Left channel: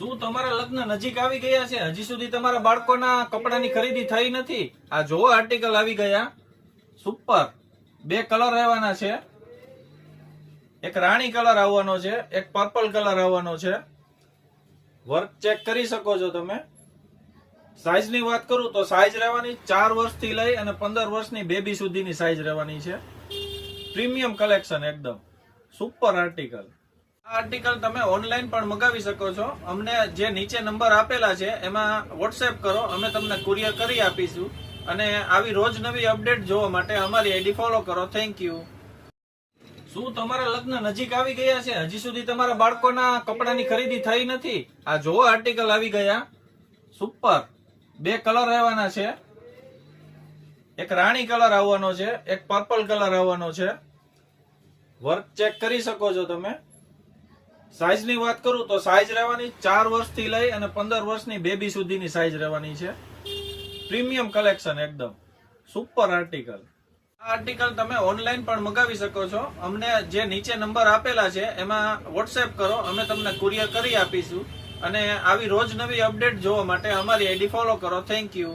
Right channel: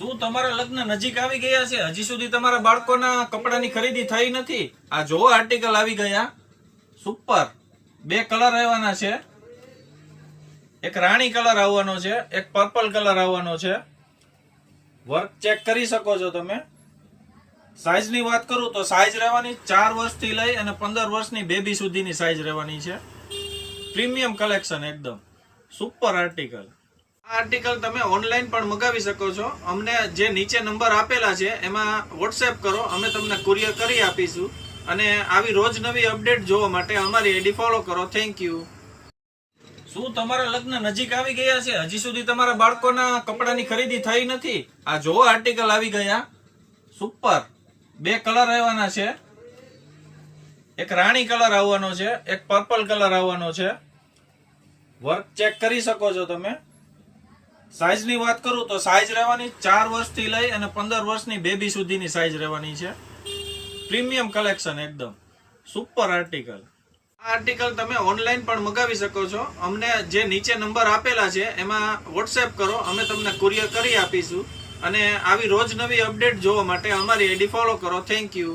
શું તમારા લગ્ન નજીક આવી ગયા છે? હજી સુધી તમારા બાળકોના કપડાની ખરીદી થઈ નથી? આ જોવો આર્ટિકલ આવી ગયા. સુપર. 2 કલર આવવાના છે. એક રાણી કલર આવવાનો છે, એક પર્પલ કલર આવવાનો છે. વર્ક ચેક કરી શકો છો તમે. સાઈઝની વાત કરું તો સાઈઝ રહેવાની 4 વર્ષથી લઈ અને 15 વર્ષની બેબી સુધીની સાઈઝ રહેવાની છે. પ્રીમિયમ કલેક્શન એકદમ સુપર આર્ટિકલ. આ આર્ટિકલ તમે ઓનલાઈન પણ મંગાવી શકો છો. અમને જે નીચે નંબર આપેલા છે એમાં વોટ્સએપ કરો, અમે તમને કુરિયર કરી આપીશું. અને આવી રોજ નવી અપડેટ જોવા માટે અમારી આઈડી ફોલો કરો. Thank you. શું તમારા લગ્ન નજીક આવી ગયા છે? હજી સુધી તમારા બાળકોના કપડાની ખરીદી થઈ નથી? આ જોવો આર્ટિકલ આવી ગયા. સુપર. 2 કલર આવવાના છે. એક રાણી કલર આવવાનો છે, એક પર્પલ કલર આવવાનો છે. વર્ક ચેક કરી શકો છો તમે. સાઈઝની વાત કરું તો સાઈઝ રહેવાની 4 વર્ષથી લઈ અને 15 વર્ષની બેબી સુધીની સાઈઝ રહેવાની છે. પ્રીમિયમ કલેક્શન એકદમ સુપર આર્ટિકલ. આ આર્ટિકલ તમે ઓનલાઈન પણ મંગાવી શકો છો. અમને જે નીચે નંબર આપેલા છે એમાં વોટ્સએપ કરો, અમે તમને કુરિયર કરી આપીશું. અને આવી રોજ નવી અપડેટ જોવા માટે અમારી આઈડી ફોલો કરો. Thank you.